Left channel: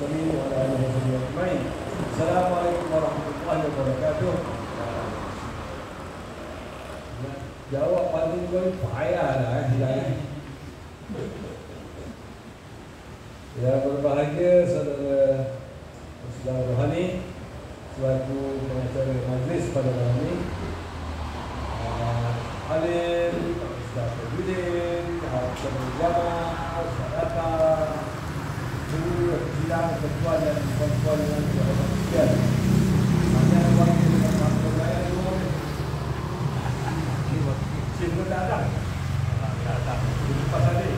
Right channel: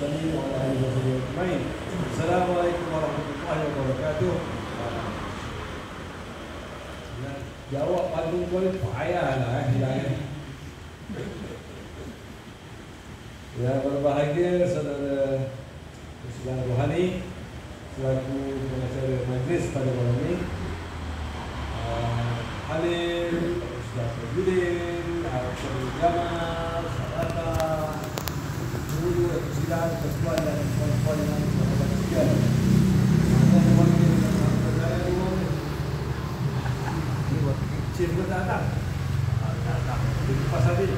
muslimin wa ala alihi ajma'in. Assalamualaikum warahmatullahi wabarakatuh. Jawab paling payahlah hilang. Yang berbahagia saudara rohani selaku pengacara majlis pada malam ini, Halim, Ustaz Fadilin, Hakim Jamaah, Sadaqah, guru sidang ketua dan puan-puan yang berada sekalian. Saya bagi dengan pembicaraan umum. Cik datang. Di kipas tadi.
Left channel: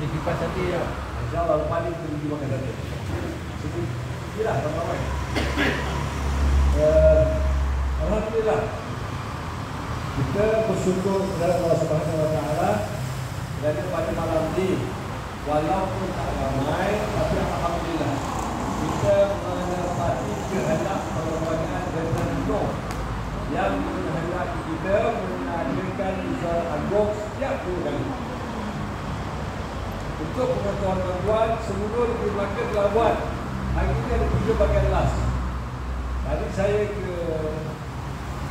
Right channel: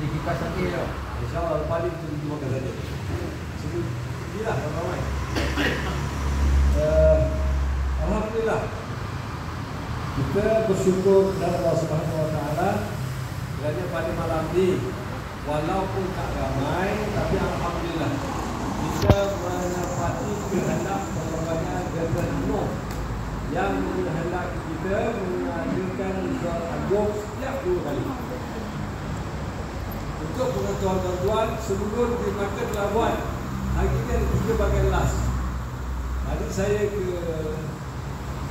Di kipas tadi ya. InsyaAllah lepas ini kita makan saja. Sebutlah yang ramai. Alhamdulillah, kita bersyukur kepada Allah Subhanahu Wa Taala kerana pada malam ini walaupun tak ramai, tapi alhamdulillah kita menepati kehendak perlembagaan Veterano yang menghendaki kita menghadirkan soal agung setiap 2 kali. Untuk pengetahuan tuan-tuan, seluruh di Melaka telah buat. Hari ini ada 3 bagian last. Tadi saya ke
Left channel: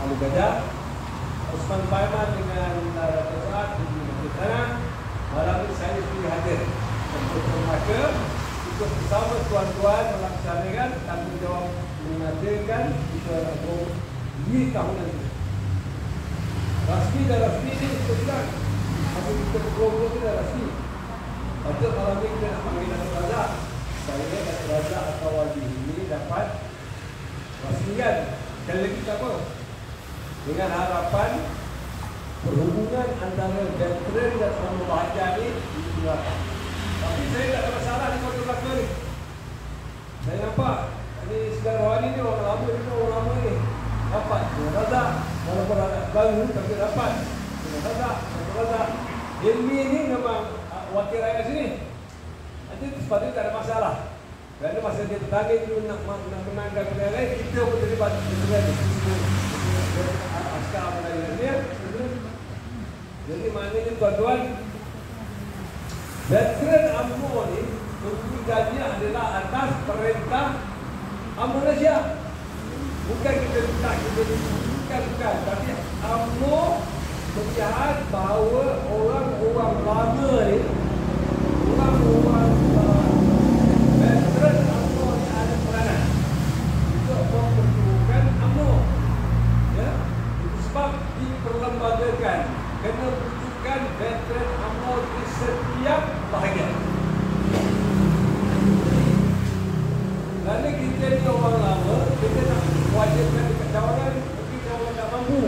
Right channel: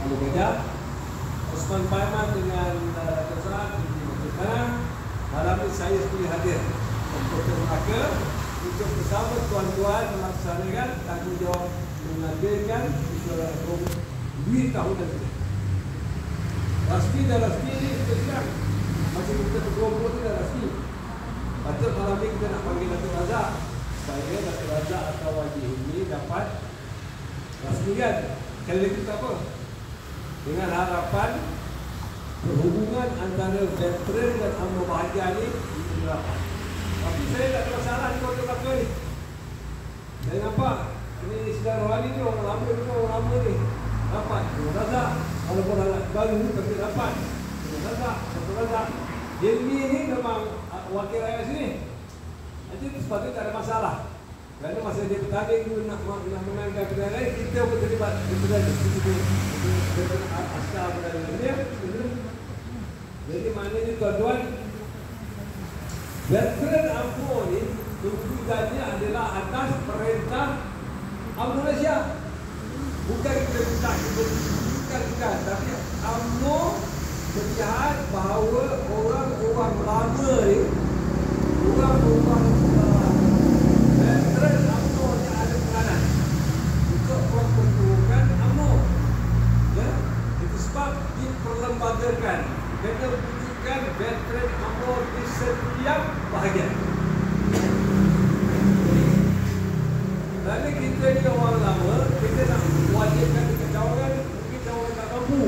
Alu Gajah, Osman Paiman dengan Raja Saad di Melaka. Malam ini saya sendiri hadir untuk Melaka untuk bersama tuan-tuan melaksanakan tanggungjawab mengadakan kita agung 2 tahunan ini. Rasmi dan rasmi ini kita bilang masih kita bergurau-gurau itu dah rasmi. Patut malam ini kita nak panggil Datuk Razak. Saya Datuk Razak atau Wajib ini dapat rasmikan sekali lagi kita apa? Dengan harapan perhubungan antara veteran dan orang bahagia ini dilakukan. Tapi saya tak ada masalah di Kota Melaka ni. Saya nampak ini saudara rohani ni orang lama ni, orang lama ni dapat Datuk Razak walaupun anak baru tapi dapat Datuk Razak, Datuk Razak. Ilmi ni memang wakil rakyat sini. Nanti sepatutnya tak ada masalah. Kerana masa dia bertanding dulu nak menangkan kedai lain, kita pun terlibat kedai askar kedai. Jadi maknanya tuan-tuan, veteran UMNO ni menteri gaji adalah atas perintah UMNO Malaysia. Bukan kita tak bukan, tapi UMNO melihat bahawa orang-orang lama ni, orang-orang veteran UMNO ni ada peranan untuk memperlukan UMNO. Ya? Itu sebab diperlembagakan, kena wujudkan veteran UMNO di setiap bahagian. Kerana kita ni orang lama, kita nak wajibkan dekat cawangan, mungkin cawangan tak mampu.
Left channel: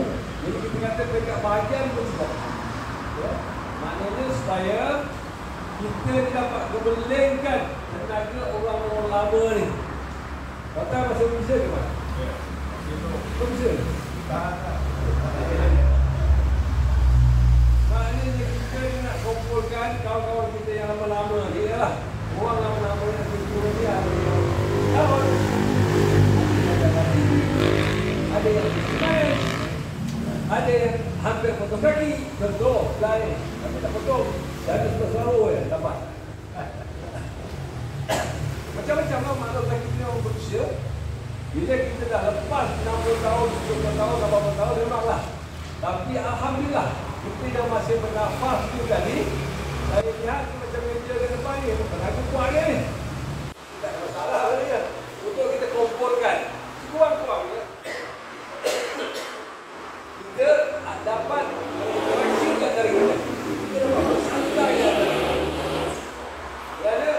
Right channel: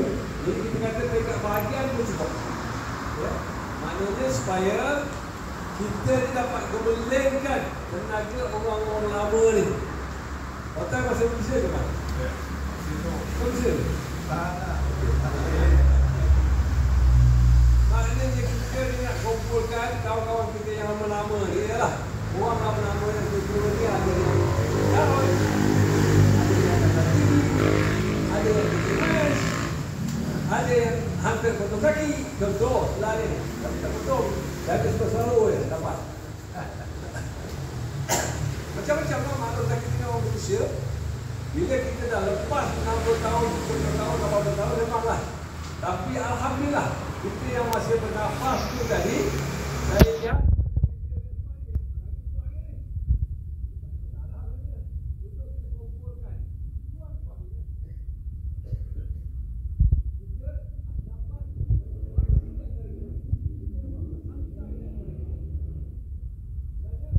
Jadi kita kata dekat bahagian pun sebab. Ya? Maknanya supaya kita ni dapat kebelengkan tenaga orang-orang lama ni. Kata masa bisa ke Pak? Ya. Bisa? Tak. Maknanya kita ni nak kumpulkan kawan-kawan kita yang lama-lama ni lah. Orang lama-lama yang berkumpul ni apa ni? Ada yang stres, ada yang hampir potong kaki, contoh lain, tapi tak potong, jadi selalu dapat. Macam-macam lah makhluk sakitnya orang manusia. Bila kita dah lepas 60 tahun, 70 tahun, 80 tahun memanglah. Tapi alhamdulillah kita yang masih bernafas tu tadi, saya lihat macam meja ke depan ni, tenaga kuat ni. Tak ada masalah lagi ya. Untuk kita kumpulkan kurang-kurangnya kita dapat koreksikan dari kita. Kita dapat bersantai dari kita. Kerana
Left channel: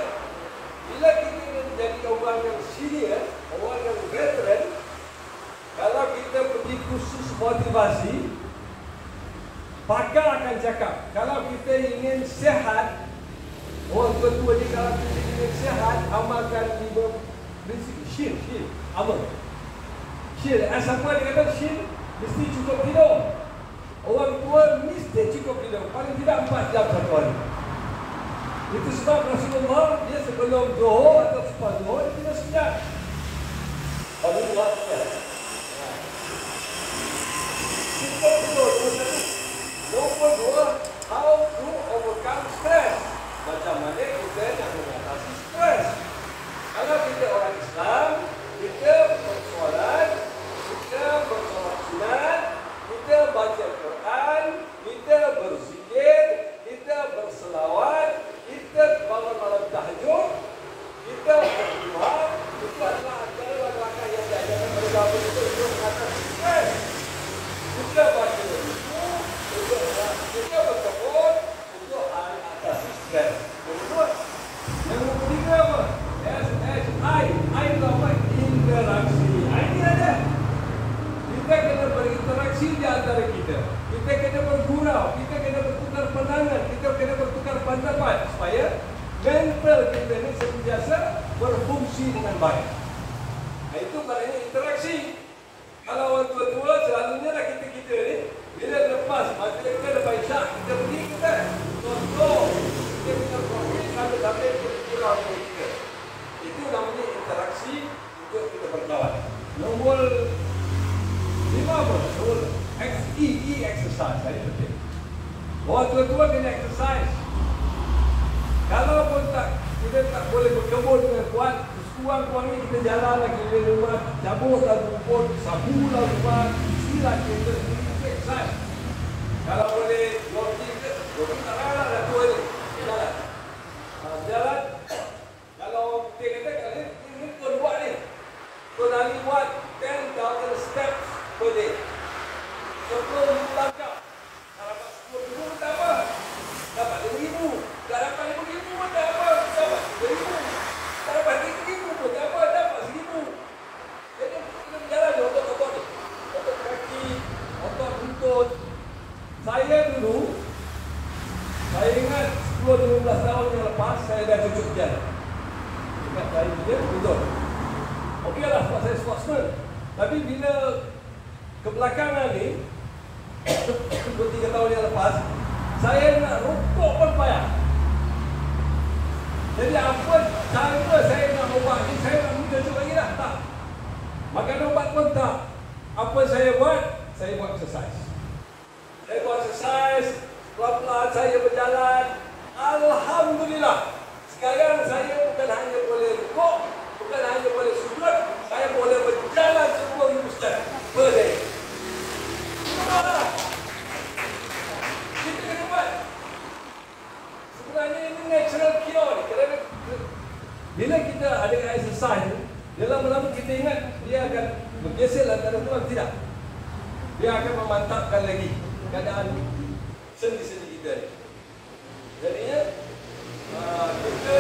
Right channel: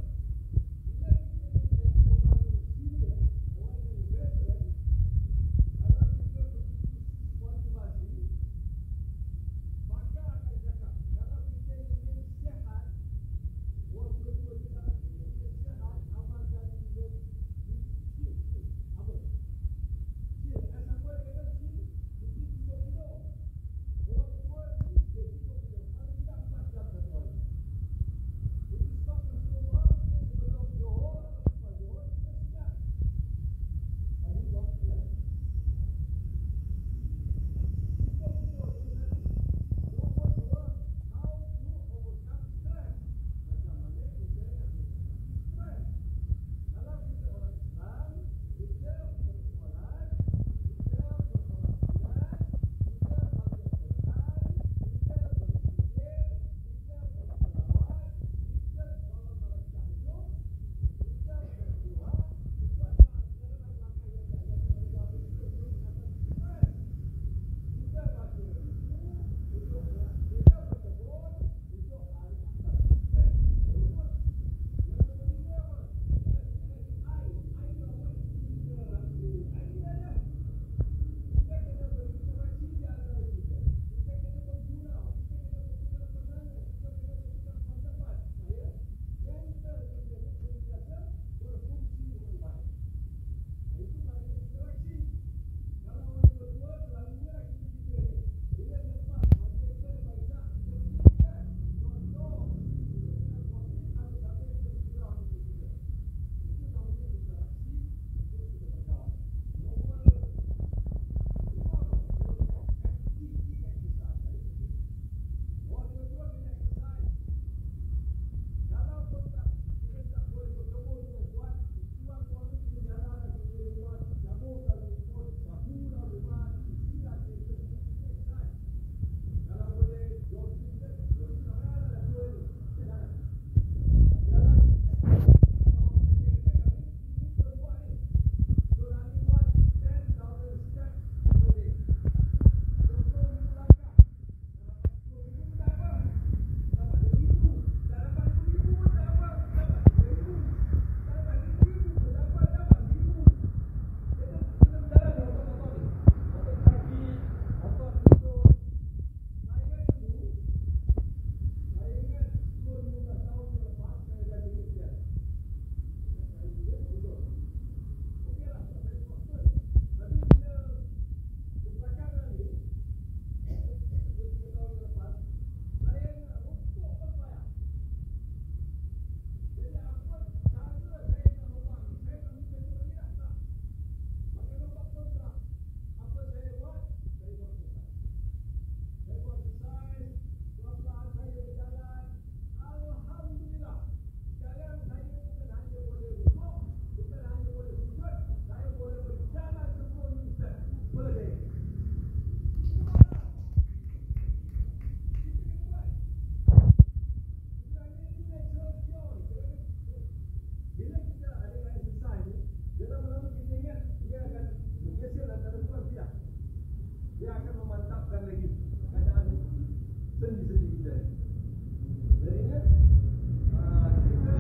bila kita menjadi orang yang senior, orang yang veteran, kalau kita pergi kursus motivasi, pakar akan cakap, kalau kita ingin sihat, orang tua-tua ni kalau kita ingin sihat, amalkan 5 prinsip. Syir, amal. Syir, siapa dia kata syir, mesti cukup tidur. Orang tua mesti cukup tidur, paling tidak 4 jam satu hari. Itu sebab Rasulullah, dia sebelum zuhur atau selepas zuhur, dia tidur sekejap. Baru buat sekejap. Cukup tidur, nombor 2, how to overcome stress. Macam mana kita nak mengatasi stres. Kalau Orang tua-tua kena exercise. Kalau pun kita tak boleh berkebun dengan kuat, kurang-kurangnya kita jalan lagi di rumah, cabutlah rumput, sabulah rumah, istilah kita exercise. Kalau boleh jogging ke, jogging tak rara dah tua ni. Jalan. Jalan. Kalau dia kata, ini kau buat ni. Kau dah buat 10,000 steps per day. 10 langkah. Kalau dapat 10,000 tak apa. Dapat 2,000. Tak dapat 5,000 pun tak apa. Dapat 3,000. Tak dapat 3,000 pun tak apa. Dapat 1,000. Jadi kita berjalan je otot-otot ni. Otot kaki, otot lutut. Saya dulu, saya ingat 10-15 tahun yang lepas, saya dah cucuk berjalan. Dekat saya dia, betul. Okeylah sebab saya sportsman. Tapi bila kebelakangan ni, 2-3 tahun yang lepas, saya nak rokok pun payah. Jadi apa cara saya nak ubah ni, saya nak cucuk lagi dah? Tak. Makan ubat pun tak. Apa saya buat? Saya buat exercise. Saya buat exercise, pelan-pelan saya berjalan. Alhamdulillah. Sekarang saya bukan hanya boleh rukuk, bukan hanya boleh sujud, saya boleh berjalan 10,000 step per day. Kita kena buat. Sebenarnya ini natural cure ni. Kerana bila kita ada exercise, dia lama-lama kita ingat dia akan bergeser antara tuan, tidak. Dia akan memantapkan lagi keadaan sendi-sendi kita ni. Jadinya kita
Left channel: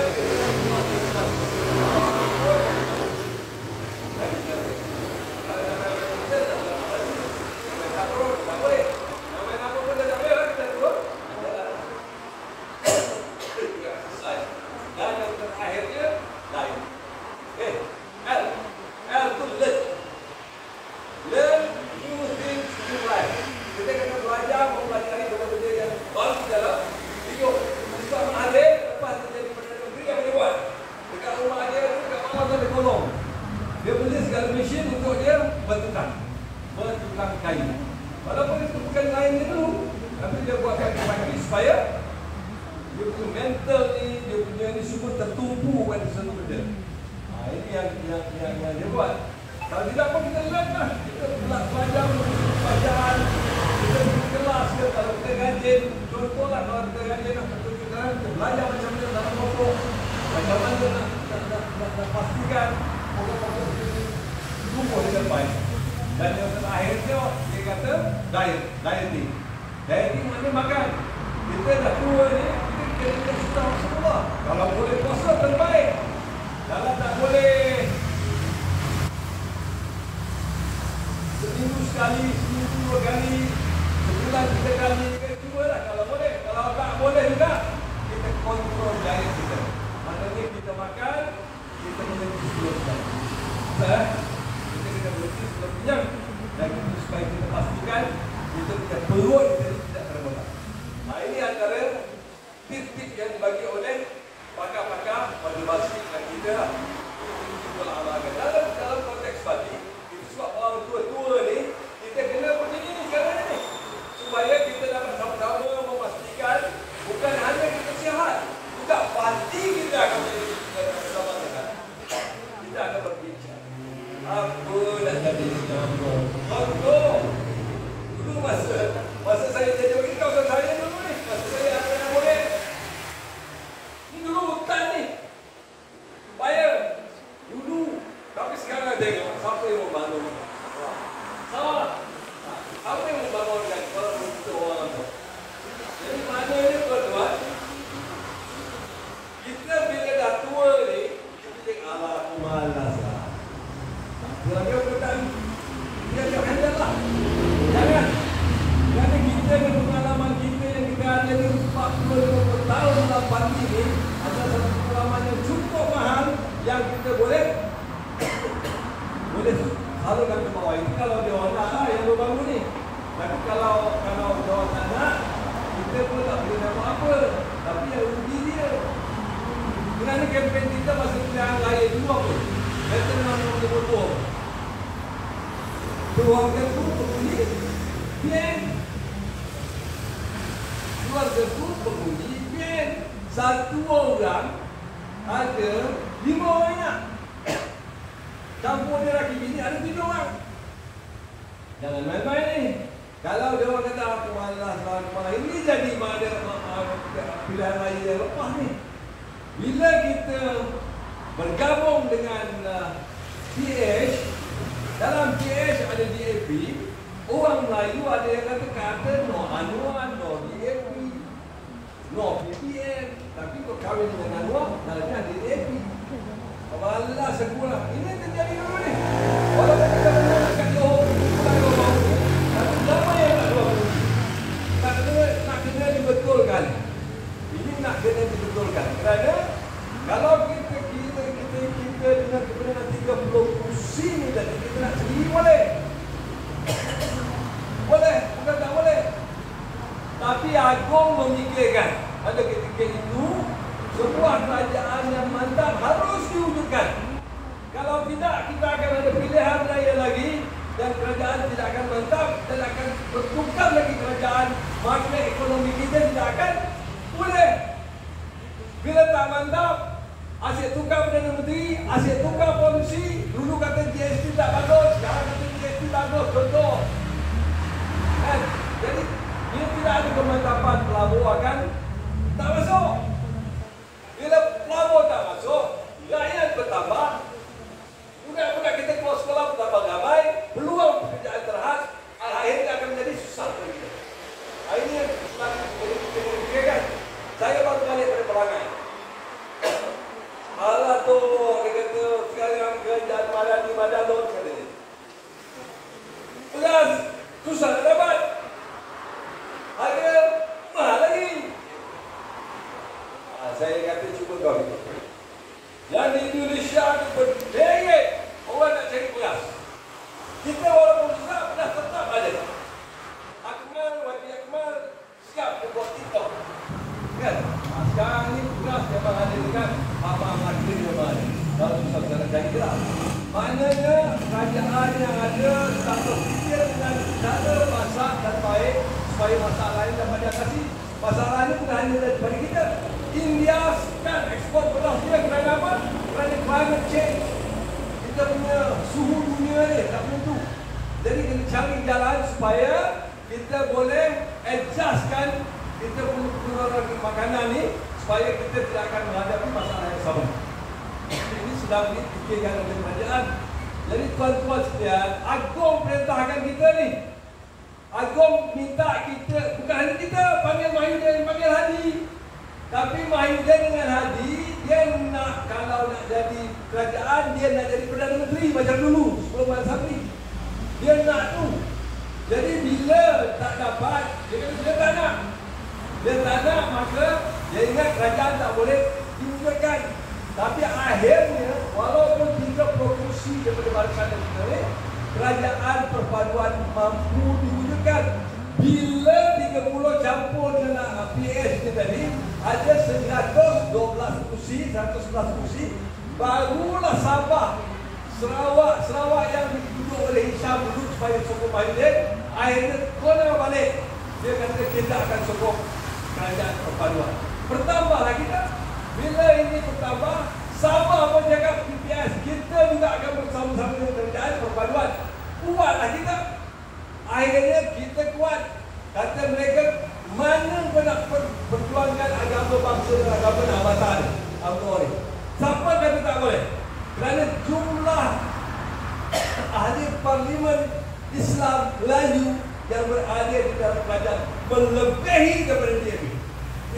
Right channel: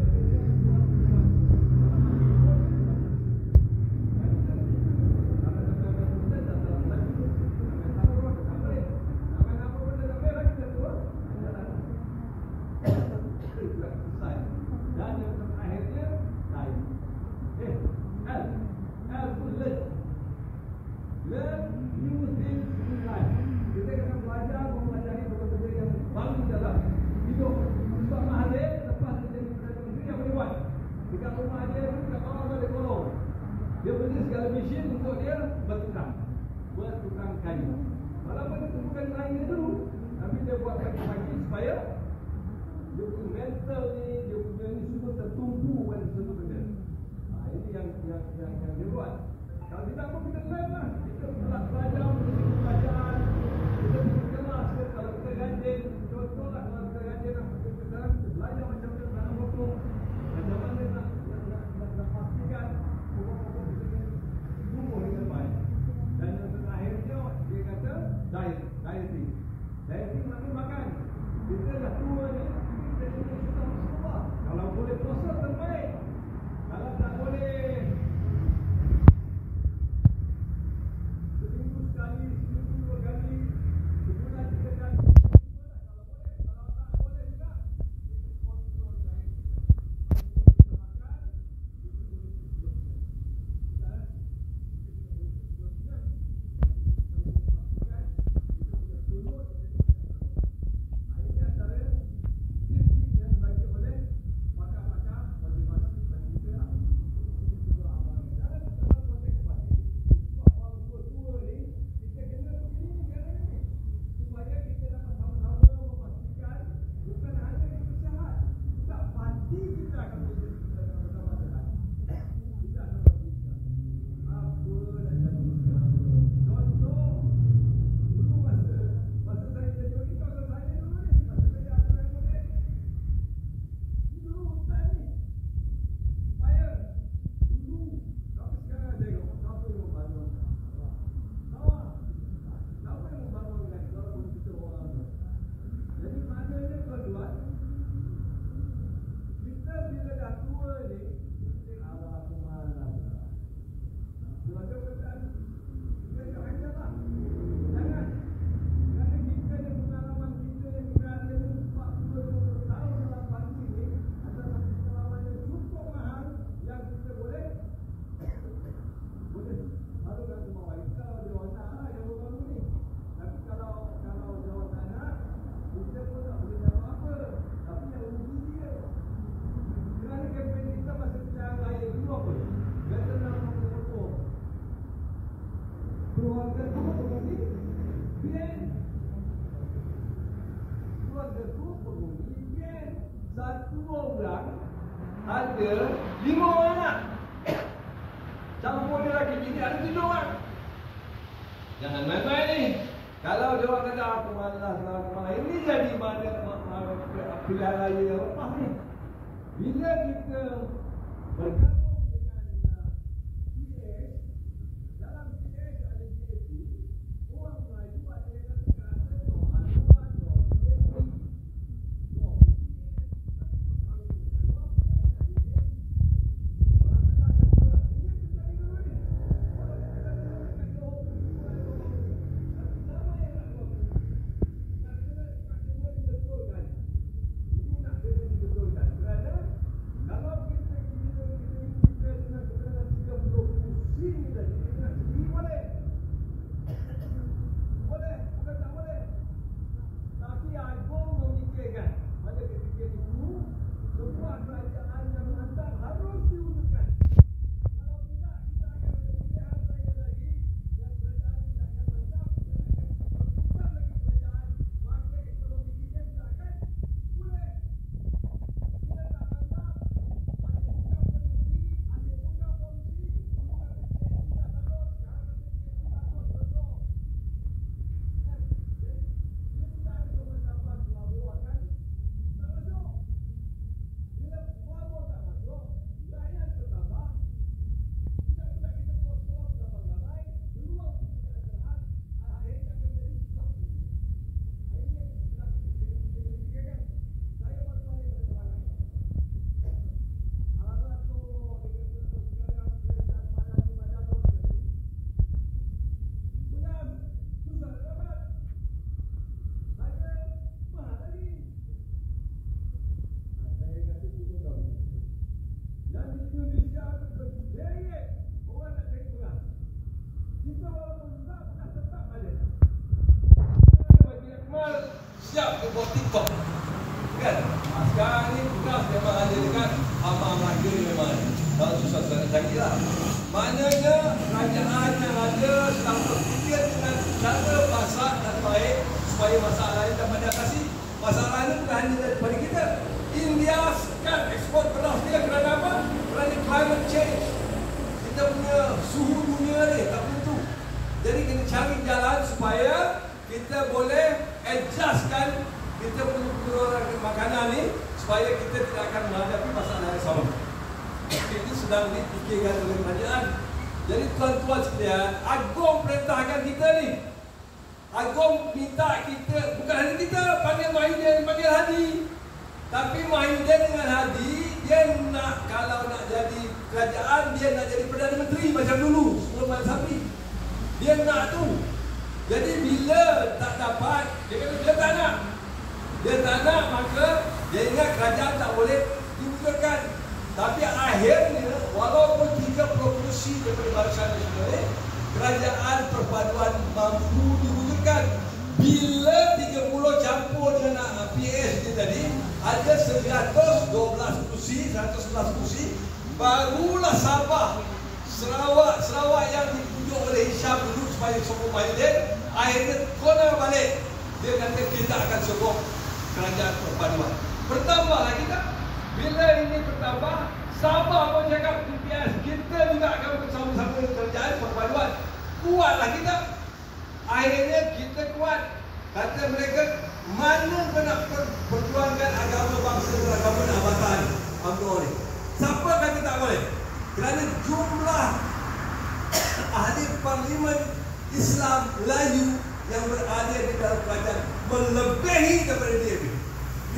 dia beli segala mesin untuk dia bertukang kayu. Walaupun itu bukan kain dia dulu, tapi dia buat kaki-kaki supaya dia punya mental ni, dia punya ni semua tertumpu pada satu benda. Ini yang dia buat. Kalau tidak pun kita learn lah. Kita belajar bacaan, kita pergi kelas ke, kalau kita rajin, contohlah kalau kita rajin kita belajar macam mana dalam pokok, macam mana nak pastikan pokok-pokok tumbuh dengan baik. Dan yang terakhirnya dia kata dieting. Dieting maknanya makan. Kita dah tua ni, kita kena susah semua. Kalau boleh puasa terbaik. Kalau tak boleh seminggu sekali, seminggu 2 kali, sebulan 3 kali, cubalah kalau boleh. Kalau tak boleh juga, kita kontrol diet kita. Maksudnya kita makan, kita berhenti sebelum kenyang. Kita kena berhenti sebelum kenyang. Dan itu supaya kita pastikan kita punya perut kita tidak terbengap. Ini antara tip-tip yang dibagi oleh pakar-pakar pada basikal kita. Dalam konteks tadi, sebab orang tua-tua ni, kita kena begini ni sekarang ni, supaya kita dapat sama-sama memastikan bukan hanya kita sihat, juga pasti kita akan menjadi bersama-sama. Kita akan berbincang apa nak jadi contoh. Dulu masa saya jadi ini kawasan saya dulu ni, masa saya ada yang boleh ni dulu hutan ni payah dulu, tapi sekarang tengok siapa yang membangun salah, siapa yang membangunkan kalau untuk orang tu. Jadi maknanya tuan-tuan, kita bila dah tua ni, kita cakap alah aku malas lah, lagi aku tak, dia akan handle lah. Jangan, kerana kita dengan pengalaman kita yang kita ada ni 40-50 tahun dalam pagi ni, ada satu pengalaman yang cukup mahal yang kita boleh salurkan ke bawah. Itu kalau dia orang nak yang baru ni. Tapi kalau dia orang tak nak, kita pun tak boleh nak buat apa. Tapi yang rugi dia. Kerana kempen kita masa pilihan raya dulu apa? Betul memang betul-betul. Keluarga tu berbunyi, biar 2 tersebut pengundi PN. Satu orang ada 5 orang anak. Campur dia laki bini ada 7 orang. Jangan main-main ni. Kalau dia orang kata aku malas, ini jadi mana pilihan raya yang lepas ni. Bila kita bergabung dengan PH, dalam PH ada DAP, orang Melayu ada yang kata no Anwar, no DAP, no PPN. Tapi kau kahwin dengan Anwar, dalamnya ada DAP. Malas sekolah. Ini terjadi dulu ni. Walaupun kita menang kat Johor, tapi ramai yang tak keluar. Nak kena dibetulkan. Ini nak kena dibetulkan. Kerana kalau kita dengan kebenaran 30 kursi ni tadi, kita nak sendiri boleh. Boleh, bukan tak boleh. Tapi Agong memikirkan pada ketika itu sebuah kerajaan yang mantap harus diwujudkan. Kalau tidak, kita akan ada pilihan raya lagi dan kerajaan tidak akan mantap dan akan bertukar lagi kerajaan. Makna ekonomi kita tidak akan boleh. Bila tak mantap, asyik tukar Perdana Menteri, asyik tukar polisi. Dulu kata GST tak bagus, sekarang kata GST bagus, contoh. Kan? Jadi, bila tidak ada kemantapan pelabuhan kan, tak masuk. Bila pelabuhan tak masuk, rakyat bertambah. Budak-budak kita keluar sekolah bertambah ramai, peluang pekerjaan terhad, akhirnya akan menjadi susah bagi kita. Akhirnya, kita kan? Saya baru balik pada perangai. Alah tu, dia kata sekarang kerajaan Madalot kata dia. Beras susah nak dapat. Harga mahal lagi. Saya kata cuba kau ni. Yang di Indonesia ni berderet orang nak cari beras. Kita walaupun susah, beras tetap ada. Wadi Akmal siap dia buat TikTok. Kan? Sekarang ni beras memang ada dengan abang harga dia memang ada. Kalau susah nak cari lah. Maknanya kerajaan yang ada tak berfikir dengan cara masak dan baik supaya masalah lain dapat diatasi. Masalah ini bukan hanya daripada kita. India kan ekspor beras dia kerana apa? Kerana climate change. Kita punya suhu dunia ni tak menentu. Jadi kena cari jalan supaya kita boleh adjustkan kita punya pengeluaran makanan ni supaya kita tidak akan menghadapi masalah yang sama. Ini sedang dipikirkan oleh kerajaan. Jadi tuan-tuan sekalian, Agong perintahkan kita ni. Agong minta kita, bukan hanya kita panggil Mahidin, panggil Hadi. Tapi Mahidin dengan Hadi, dia nak, kalau nak jadi kerajaan, dia nak jadi Perdana Menteri macam dulu, sebelum Mat Sabri. Dia nak tu. Jadi bila tak dapat, dia kata dia tak nak. Dia tak nak, maka dia ingat kerajaan tak boleh diwujudkan. Tapi akhirnya, walaupun 30 kursi daripada Barisan Nasional ini, kerajaan perpaduan mampu diwujudkan. Bila 30 campur dengan PS itu tadi, ada 112 kursi, 111 kursi, barulah Sabah, Sarawak yang ditunjuk oleh Hisham dulu supaya sokong Mahidin, akhirnya kona balik. Dia kata kita akan sokong kerajaan perpaduan. Bertambahlah kita. Bila ini bertambah, Sabah pun cakap PPS, kita juga akan bersama-sama dengan kerajaan perpaduan. Kuatlah kita. Akhirnya kita kuat. Kata mereka, mana kau nak perjuangkan agama bangsa dan agama Nabatan UMNO ni? Siapa kata tak boleh? Kerana jumlah ahli parlimen Islam Melayu yang berada di dalam kerajaan melebihi daripada DAP.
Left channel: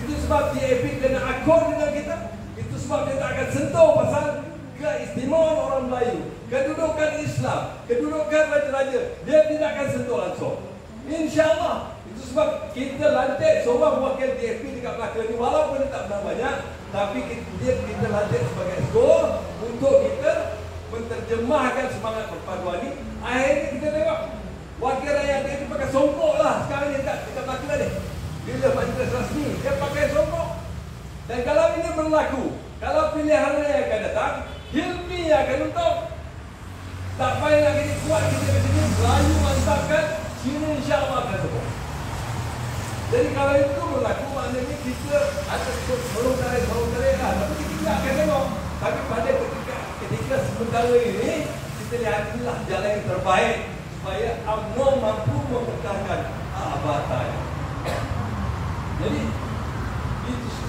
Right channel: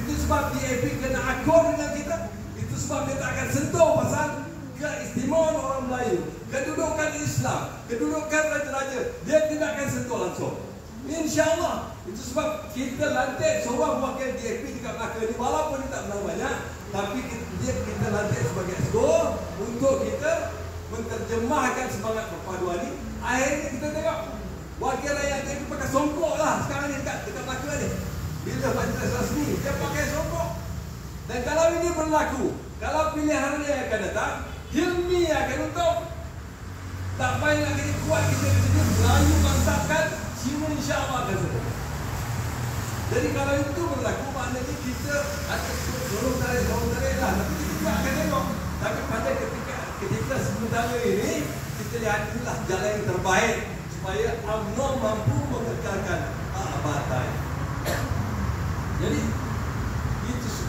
Itu sebab DAP kena akor dengan kita. Itu sebab dia tak akan sentuh pasal keistimewaan orang Melayu, kedudukan Islam, kedudukan raja-raja. Dia tidak akan sentuh langsung. InsyaAllah. Itu sebab kita lantik seorang wakil DAP dekat Melaka ni, walaupun dia tak menang banyak, tapi kita lantik sebagai exco untuk kita menterjemahkan semangat perpaduan ni. Akhirnya kita tengok wakil rakyat DAP pakai songkok lah sekarang ni dekat Melaka ni. Bila majlis rasmi, dia pakai songkok. Dan kalau ini berlaku, kalau pilihan raya akan datang, Hilmi akan untung. Tak payah nak jadi kuat kita ke sini, Melayu mantapkan, sini insyaAllah akan sokong. Jadi kalau itu berlaku, maknanya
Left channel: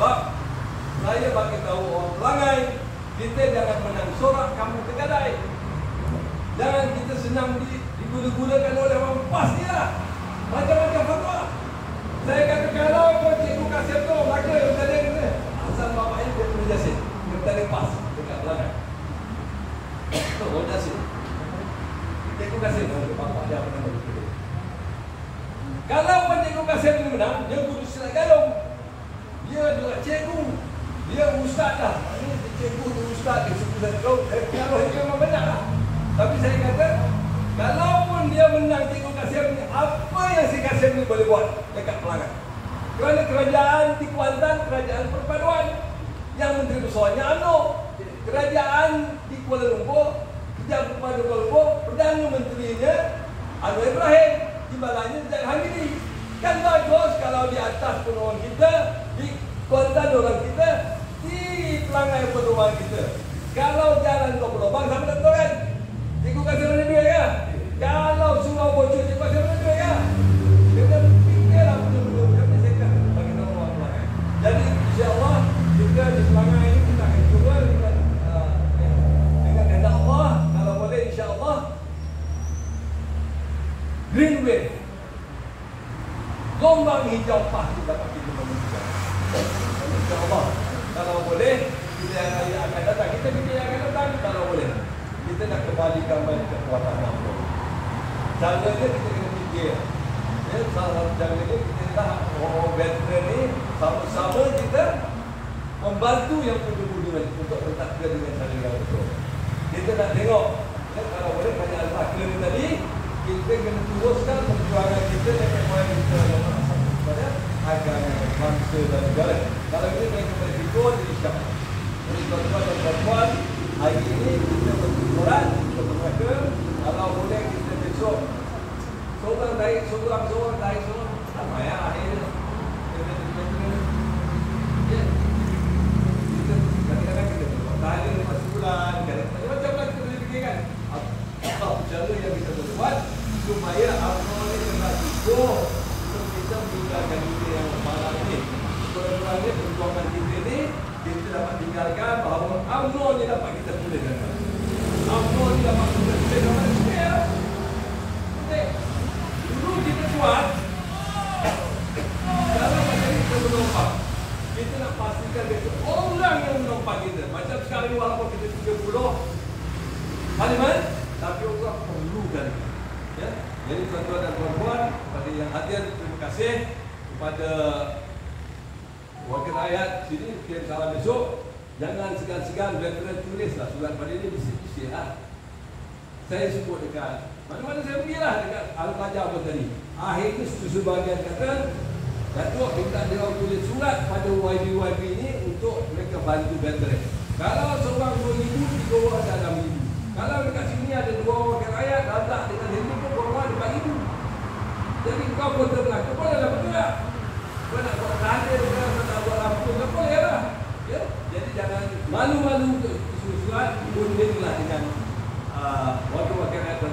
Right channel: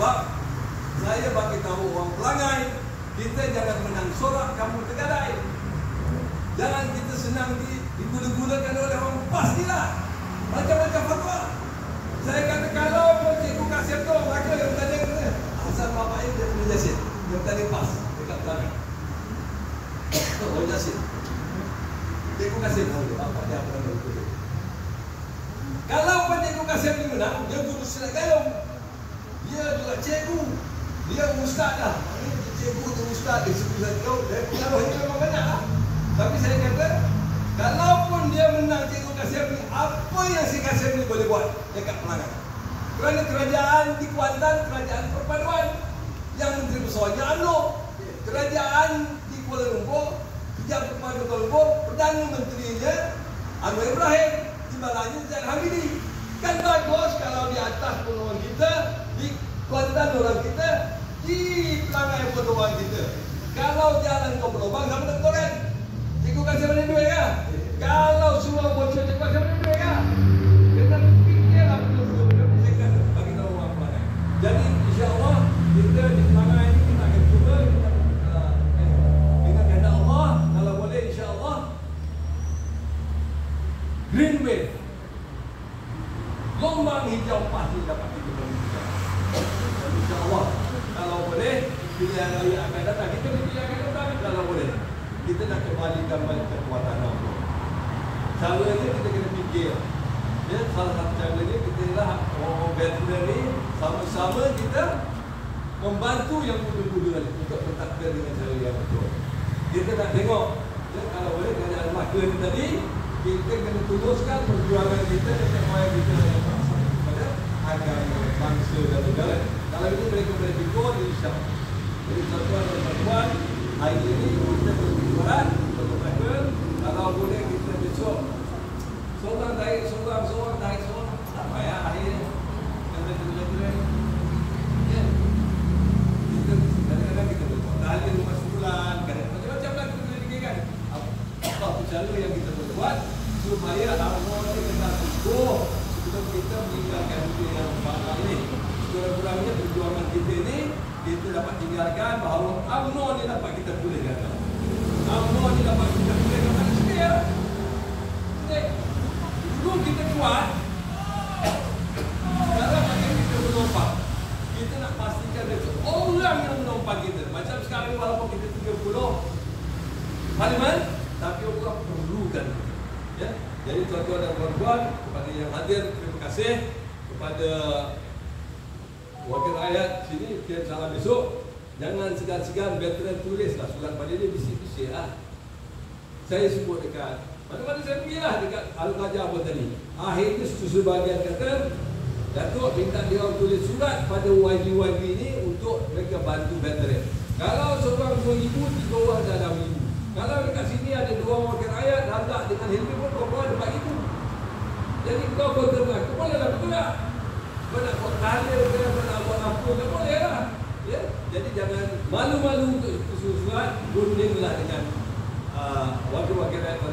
Sebab saya bagi tahu orang Pelangai, kita jangan menang sorak kampung Tegadai. Jangan kita senang diguna-gunakan oleh orang pastilah. Macam-macam fatwa. Saya kata kalau cikgu kasih tu, maka yang tadi kata asal bapaknya dia punya jasin. Yang tadi pas dekat Pelangai. Orang jasin. Cikgu kasih tu, bapak dia pernah begitu. Kalau cikgu kasih tu menang, dia guru silat gayung. Dia juga cikgu. Dia ustaz dah. Ini cikgu tu ustaz dia sebut saya tahu. Dia memang banyak lah. Tapi saya kata, kalaupun dia menang cikgu Kasim ni, apa yang si Kasim ni boleh buat dekat Pelangai? Kerana kerajaan di Kuantan, kerajaan perpaduan. Yang menteri besarnya UMNO. Kerajaan di Kuala Lumpur, Kerajaan Perpaduan Kuala Lumpur, Perdana Menterinya Anwar Ibrahim, timbalannya Zaid Hamidi. Kan bagus kalau di atas pun orang kita, di Kuantan orang kita, di Pelangai pun orang kita. Kalau jalan kau berlubang, sama tak betul kan? Cikgu kasih mana duit ya? Kalau semua bocor, cikgu kasih mana duit ya? Kena fikirlah benda-benda macam saya kata bagi tahu orang Pelangai. Jadi insya-Allah kita di Pelangai ini kita akan cuba dengan kehendak Allah, kalau boleh insya-Allah green wave, gelombang hijau pasti dapat kita berikan. Insya-Allah kalau boleh pilihan raya akan datang, kita pilihan akan datang kalau boleh. Kita nak kembalikan balik kekuatan Allah. Caranya kita kena fikir. Ya, salah satu caranya kita lah orang veteran ni sama-sama kita membantu yang muda-muda untuk mentakdir dengan cara yang betul. Kita nak tengok, ya, kalau boleh kerajaan Melaka ni tadi, kita kena teruskan perjuangan kita dengan moyang kita kepada agama, bangsa dan negara. Kalau ini mereka boleh fikir, jadi insya-Allah. Jadi tuan-tuan dan puan-puan, hari ini kita berkumpul untuk mereka. Kalau boleh kita besok seorang naik, seorang naik, sama ya akhirnya kita ya. Kita kadang-kadang kita tahan 5 sebulan, kadang-kadang macam-macam lah kita boleh fikirkan apa cara yang kita boleh buat supaya apa yang kita tujuh sebelum kita meninggalkan dunia yang malam ini. Kurang-kurangnya perjuangan kita ni kita dapat tinggalkan bahawa UMNO ni dapat kita pulihkan. UMNO ni dapat kita pulihkan manusia. Dulu kita buat, sekarang macam kita menumpang. Kita nak pastikan besok orang yang menumpang kita. Macam sekarang walaupun kita 30 parlimen, tapi orang perlukan. Ya? Jadi tuan-tuan dan puan-puan, kepada yang hadir, terima kasih kepada wakil rakyat sini. Kita salam besok. Jangan segan-segan veteran tulislah surat pada ini bisik-bisik lah. Saya sebut dekat mana-mana saya pergilah dekat Al-Qajar pun tadi. Akhirnya sebahagian kata Datuk minta dia orang tulis surat pada YB ni untuk mereka bantu veteran. Kalau seorang 2,000, 3 orang dah 6,000. Kalau dekat sini ada 2 orang wakil rakyat, Razak dengan Hilmi pun korang ada 4,000. Jadi kau pun tenang, kau boleh lah betul tak? Kau nak buat kaya, kau nak buat apa, kau boleh lah. Ya? Jadi jangan malu-malu untuk surat, bundinglah dengan wakil-wakil rakyat